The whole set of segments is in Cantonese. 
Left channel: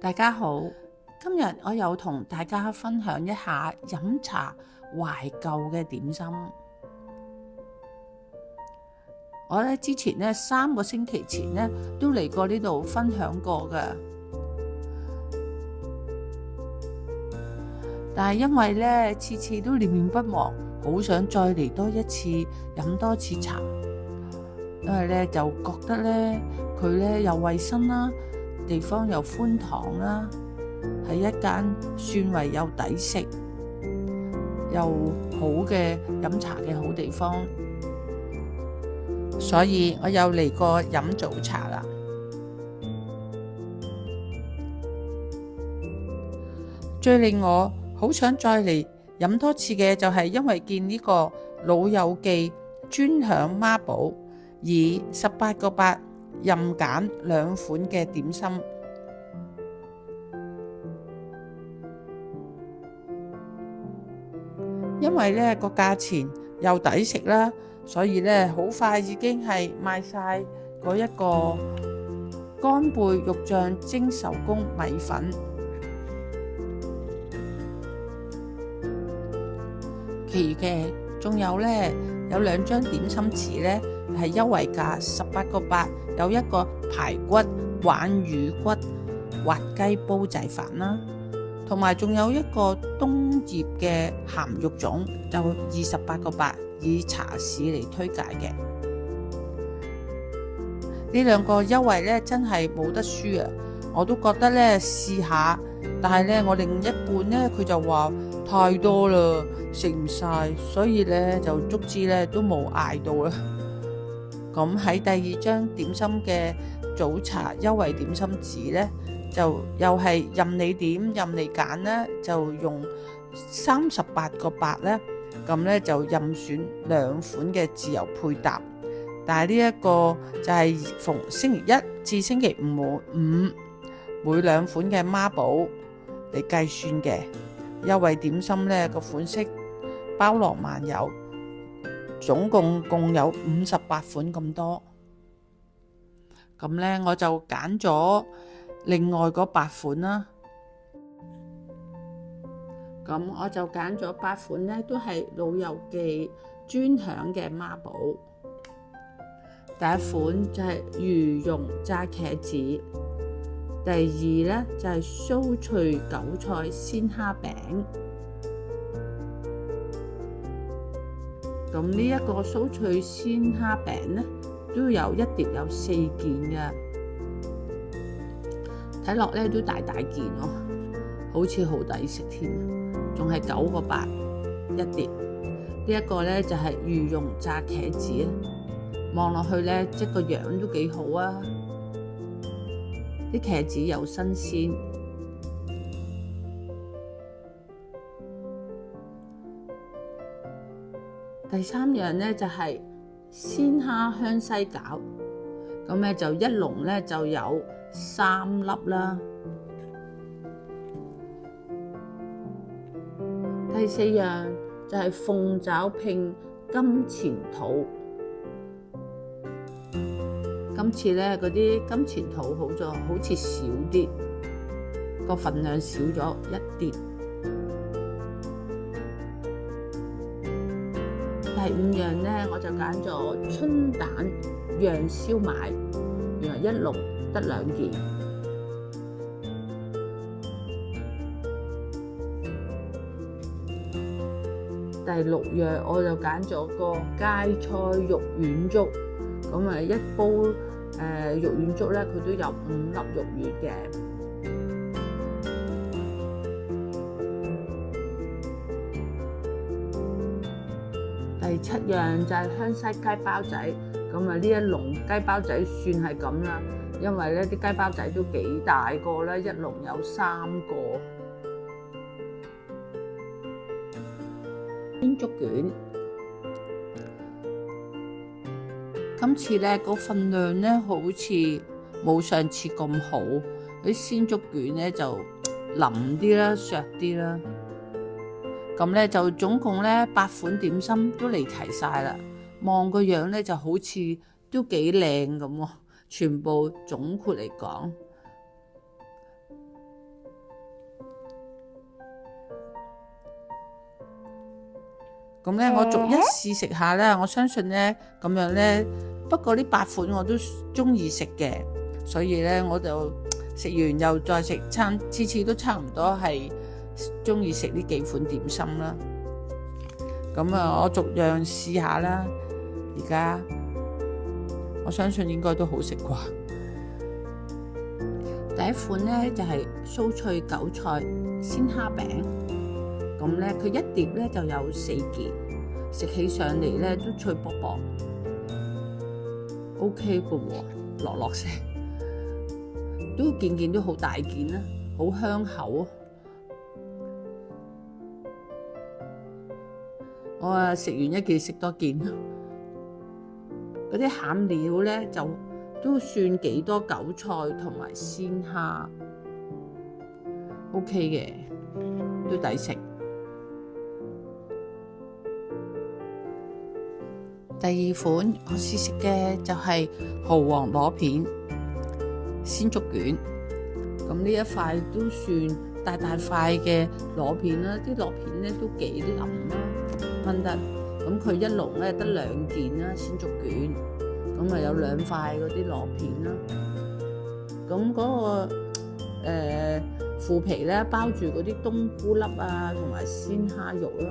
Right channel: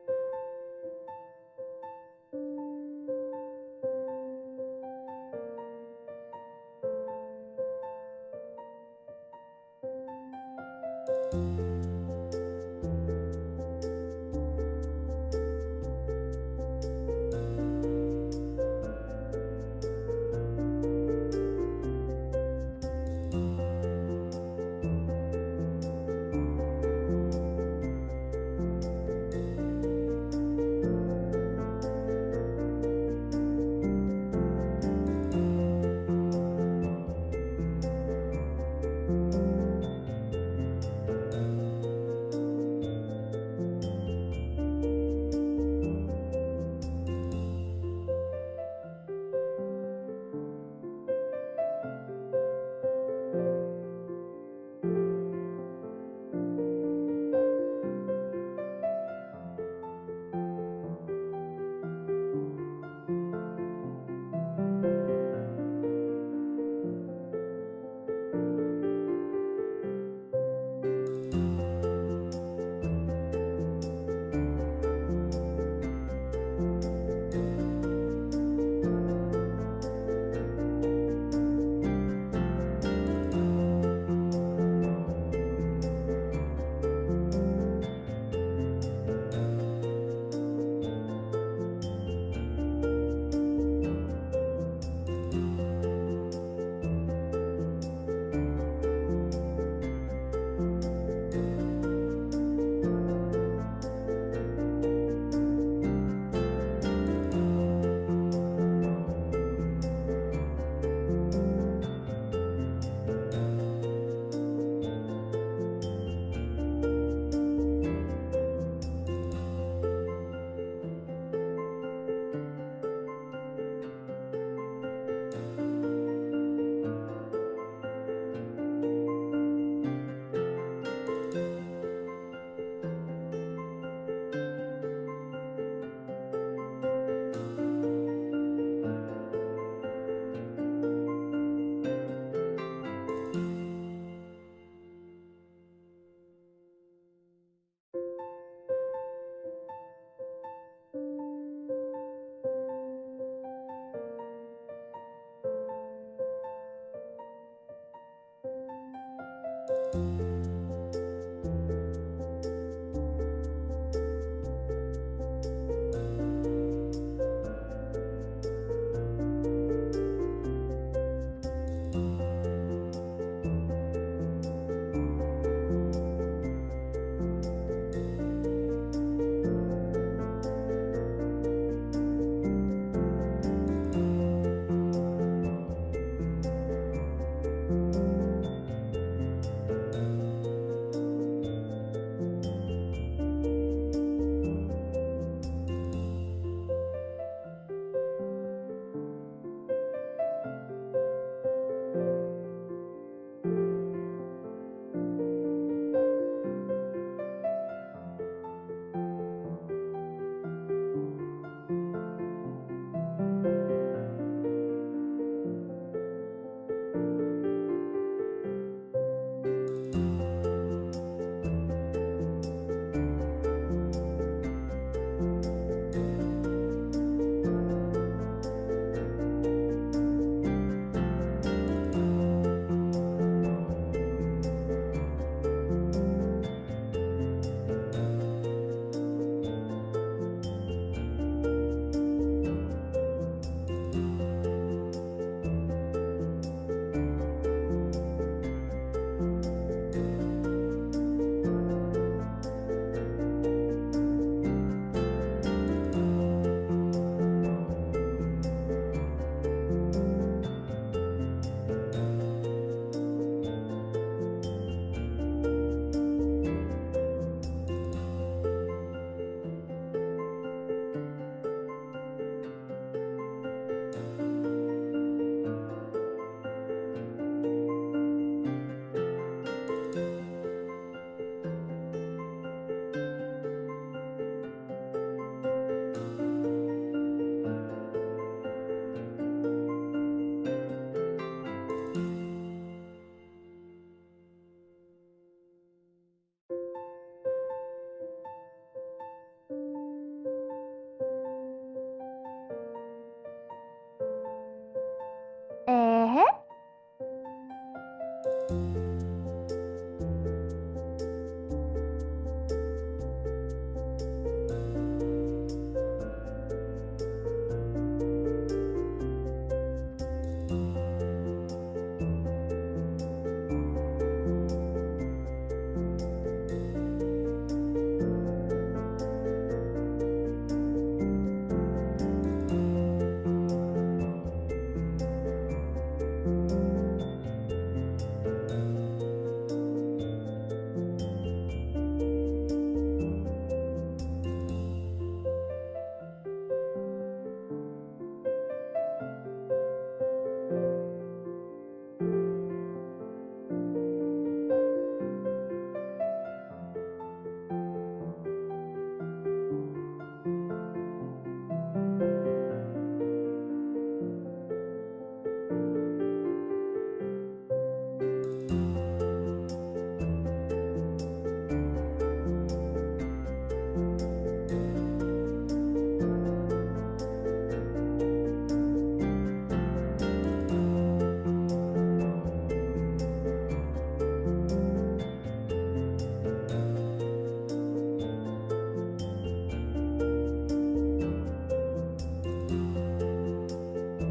大家好，今日我又同大家分享一下飲茶懷舊嘅點心。我之前3個星期前都嚟過呢度分享過㗎，但係因為次次都念念不忘，好想再嚟多一次飲多次茶，因為就覺得佢又衛生啦，地方又寬敞啦，係一間算為又抵食又好嘅飲茶嘅好地方，所以我又嚟過飲早茶啦。最令我好想再嚟飲多次嘅就係因為見呢個老友記專享孖寶，以18個8任揀2款嘅點心，因為個價錢又抵食啦，所以好快已經係賣晒嗰一個乾貝肉醬蒸手工米粉，其餘嘅仲有有2張點心紙係優惠價18個8，有一個排骨鯇魚骨滑雞煲仔飯啦，同埋仲有一個冬葉嘅鹹肉粽，就28個8，以茶市嚟推介嘅。呢2個優惠真係冇得輸啊！我都覺得試下，但係我另一半佢就話太多啦，食唔晒，所以就足之都冇嗌到啦。咁喺第2張點心嘅早茶優惠點心紙就又係任你點任你揀就用38個8咁就任選2款嘅自由配搭。但係呢一個就係逢星期1至星期5每2款嘅孖寶嚟計算嘅優惠點心個款式包羅萬有，總共有58款咁多。咁我就揀咗另外嗰8款啦。咁我就揀咗8款都係老友記專享嘅孖寶。第1款就係魚蓉炸茄子，第2就係酥脆韭菜鮮蝦餅。咁呢一個酥脆鮮蝦餅都有一碟有4件嘅，睇落都大件哦，好似好抵食添，仲係9個8一碟。呢一個就係魚蓉炸茄子，望落去即個樣都幾好啊，啲茄子又新鮮。第3樣就係鮮蝦香西餃，咁就一籠就有3粒啦。第4樣就係鳳爪拼金錢肚，今次嗰啲金錢肚好似少啲，個份量少咗1碟。第5樣我就揀咗春蛋釀燒賣，原來一籠得2件。第6樣我就揀咗個芥菜肉丸粥，咁一煲肉丸粥佢都有5粒肉丸嘅。第7樣就係香西雞包仔，咁呢一籠雞包仔算係咁啦，因為啲雞包仔都幾大個啦，一籠有3個。鮮竹卷，今次個份量好似冇上次咁好，啲鮮竹卷就腍啲啦，削啲啦。咁就總共8款點心都嚟齊晒啦，望個樣就好似都幾靚咁喎，全部總括嚟講。咁咧我逐一試食下啦，我相信咧咁樣咧，不過呢8款我都中意食嘅，所以咧我就食完又再食餐，次次都差唔多係中意食呢幾款點心啦。咁啊，我逐樣試下啦。而家我相信應該都好食啩。第一款咧就係酥脆韭菜鮮蝦餅，咁咧佢一碟咧就有4件，食起上嚟咧都脆卜卜 ，OK 嘅喎，落食都件都好大件啦，好香口啊！我啊食完一件食多件，嗰啲餡料咧就都算幾多韭菜同埋鮮蝦 ，OK 嘅，都抵食。第二款我試食嘅就係蠔皇螺片鮮竹卷，咁呢一塊都算大塊嘅螺片啦，啲螺片咧都幾腍啦，炆得。咁佢一籠咧得2件啦，鮮竹卷，咁啊有2塊嗰啲螺片啦。咁嗰個腐皮咧包住嗰啲冬菇粒啊，同埋鮮蝦肉啦。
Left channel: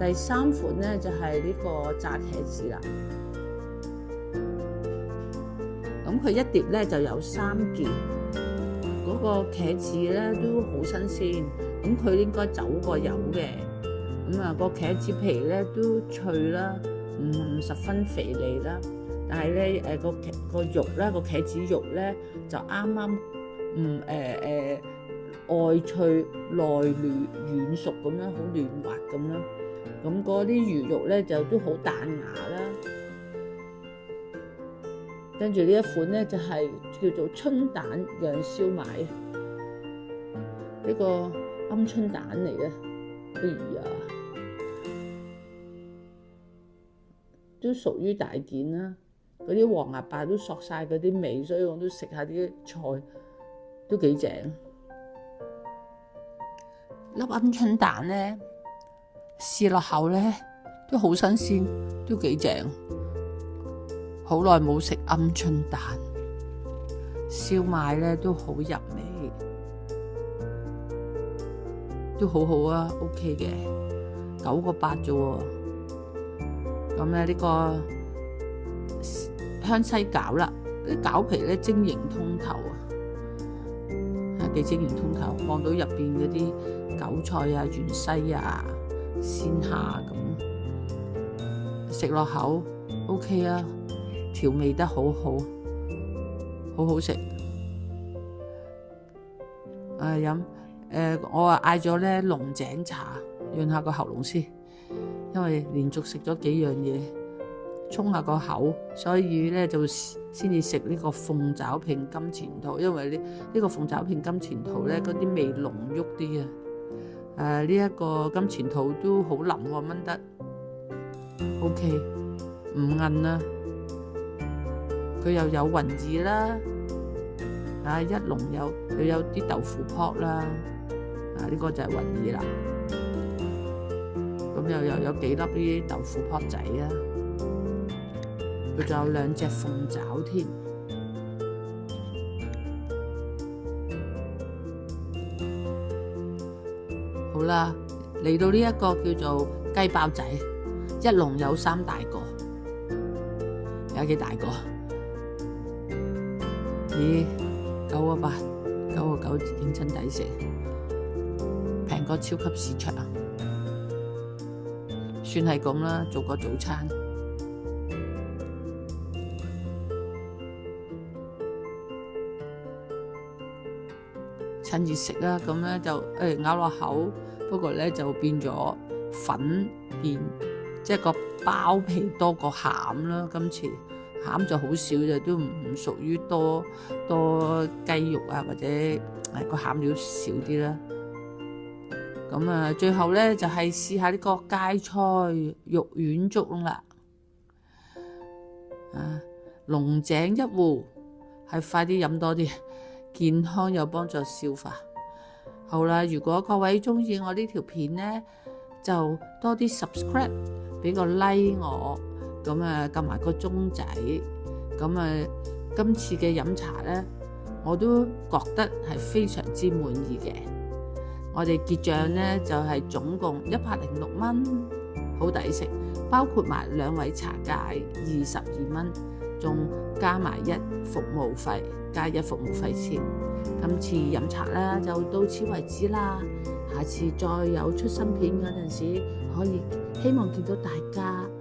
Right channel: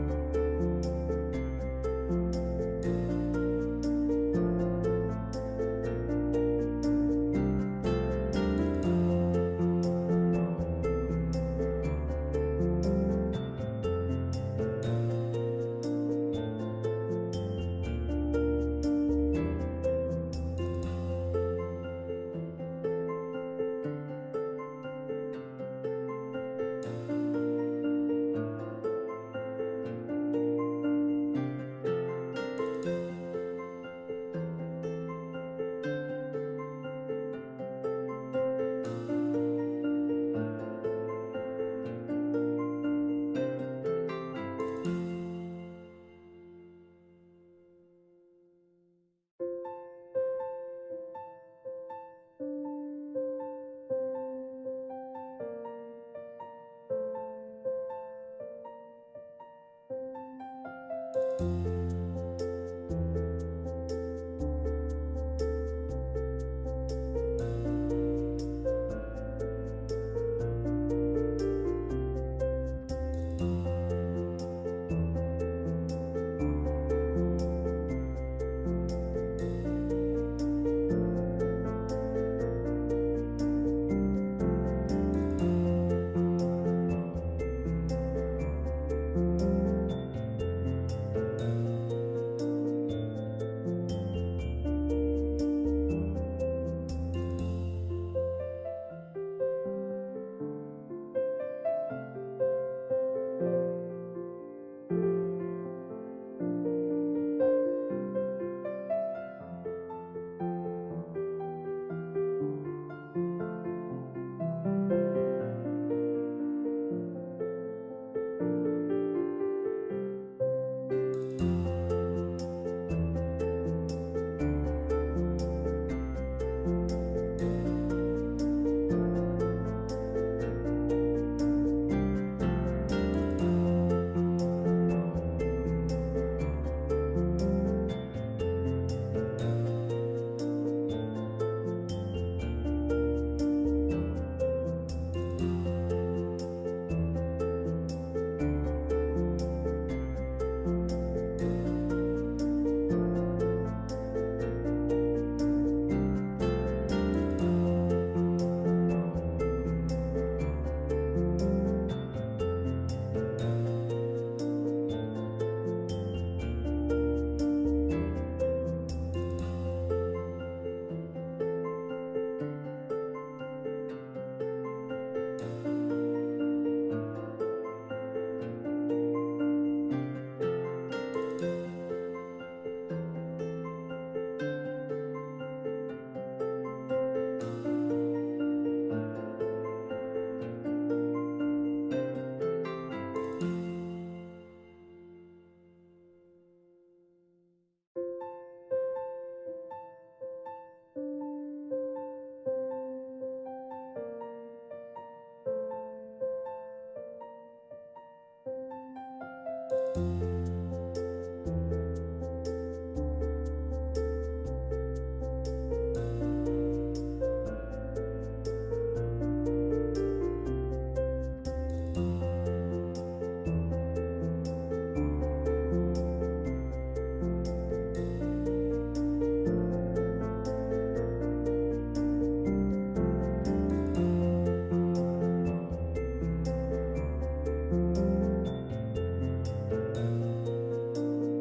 第3款咧就係呢個炸茄子啦。咁佢一碟咧就有3件，嗰個茄子咧都好新鮮，咁佢應該走過油嘅。咁啊，個茄子皮咧都脆啦，唔十分肥膩啦，但係咧個肉咧個茄子肉咧就啱啱外脆內軟熟咁樣，好嫩滑咁啦。咁嗰啲魚肉咧就都好彈牙啦。跟住呢一款咧就係叫做春蛋釀燒賣，呢個鵪鶉蛋嚟嘅，哎呀〜都屬於大件啦，嗰啲黃牙白都索晒嗰啲味，所以我都食下啲菜都幾正。粒鵪鶉蛋咧，試落口咧都好新鮮，都幾正。好耐冇食鵪鶉蛋燒賣咧，都好入味，都好好啊 ，OK 嘅，9個8啫喎。咁咧呢個香西餃啦，啲餃皮咧晶瑩通透啊，幾晶瑩通透，望到入邊嗰啲韭菜啊、芫茜啊、鮮蝦咁，食落口 OK 啊，調味得好好，好好食。我嗌咗咧龍井茶，潤下個喉嚨先。因為連續食咗幾樣嘢，沖下個口，所以咧就先至食呢個鳳爪拼金錢肚。因為呢個鳳爪拼金錢肚咧，嗰啲味濃郁啲啊。呢一個金錢肚都好腍喎，炆得 OK， 唔韌啊。佢又有雲耳啦，一籠又有啲豆腐泡啦，呢個就係雲耳啦。咁又有幾粒啲豆腐泡仔啊，佢仲有2隻鳳爪添。好啦，嚟到呢一個叫做雞包仔，一籠有3大個，有幾大個？咦，9個8，9個9，認真抵食，平過超級市場。算係咁啦，做個早餐。趁熱食啦，咁咧就咬落口，不過咧就變咗粉面，即係個包皮多過餡啦。今次餡就好少嘅，都唔屬於多雞肉啊，或者個餡料少啲啦。咁啊，最後咧就係試下呢個芥菜肉丸粥啦。龍井一壺，係快啲飲多啲，健康又幫助消化。好啦，如果各位中意我呢條片咧，就多啲 subscribe， 俾個 like 我，咁啊撳埋個鐘仔，咁啊今次嘅飲茶呢，我都覺得係非常之滿意嘅。我哋結賬呢，就係總共106蚊，好抵食，包括埋2位茶芥22蚊，仲加埋1服務費，加1服務費錢。今次飲茶啦就到此為止啦，下次再有出新片嗰陣時，可以希望見到大家。